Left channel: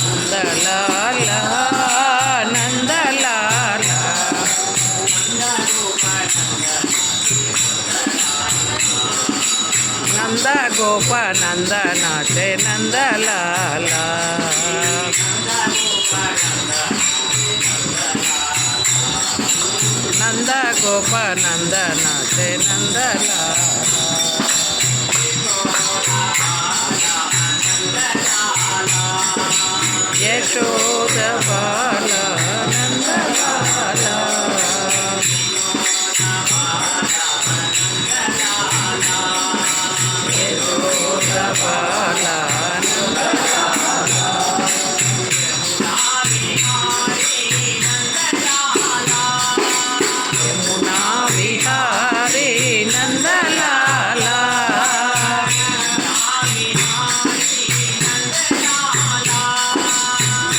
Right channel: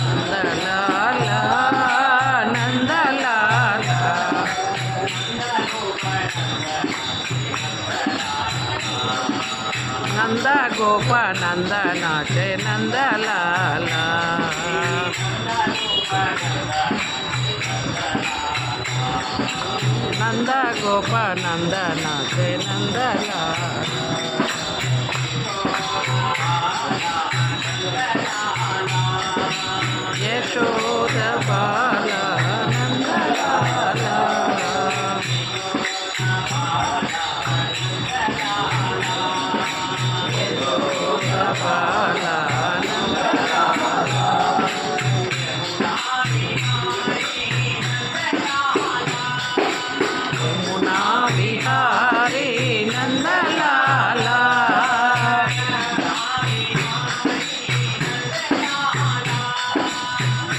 నందలాలా నందలాలా నంద గోప నంద నాచే నందలాలా నంద గోప నంద నాచే నందలాలా యశోద బాల నందలాలా యశోద బాల నందలాలా యమునా విహారీ నందలాలా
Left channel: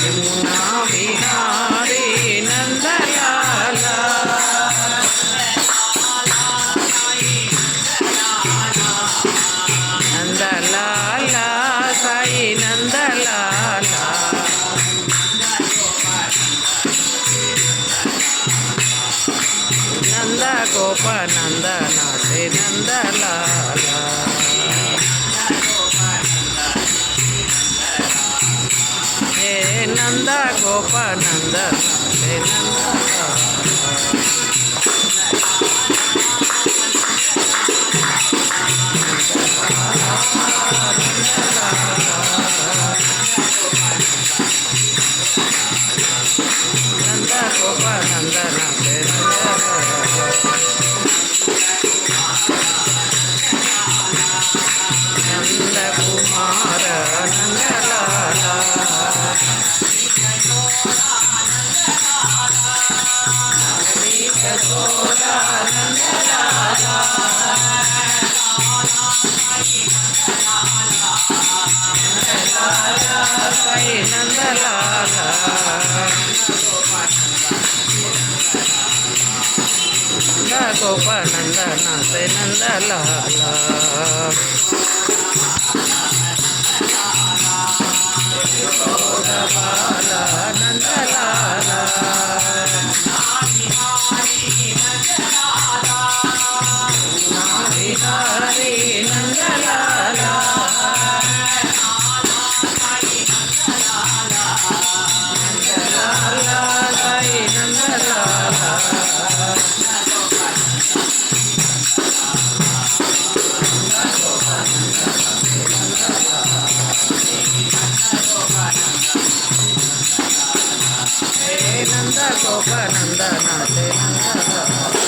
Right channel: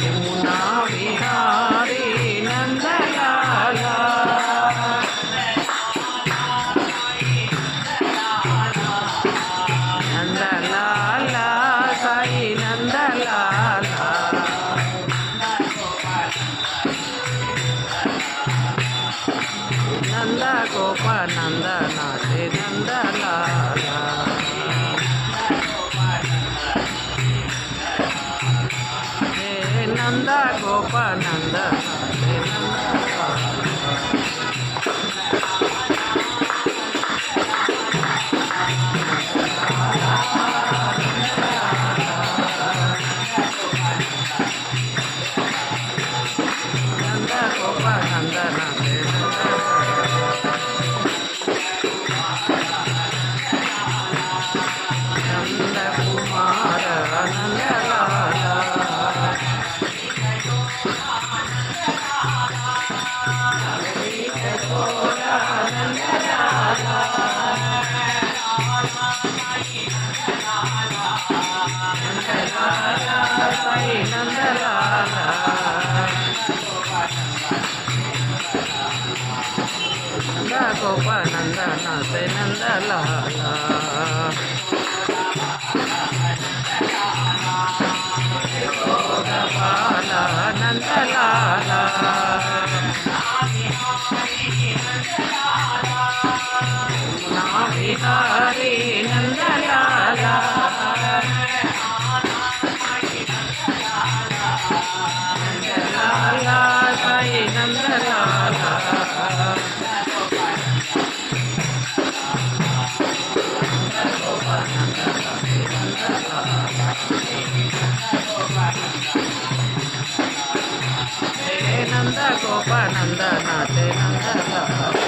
యమునా విహారీ నందలాలా నందలాలా సాయి నందలాలా నంద గోప నంద నాచే నందలాలా ఏ నంద గోప నంద నాచే నందలాలా నంద గోప నంద నాచే నంద కుమార నందలాలా నవనీత చోర నందలాలా నందలాలా సాయి నందలాలా నంద గోప నంద నాచే నందలాలా యశోద బాల నందలాలా యమునా విహారీ నందలాలా నందలాలా సాయి నందలాలా నంద గోప నంద నాచే నందలాలా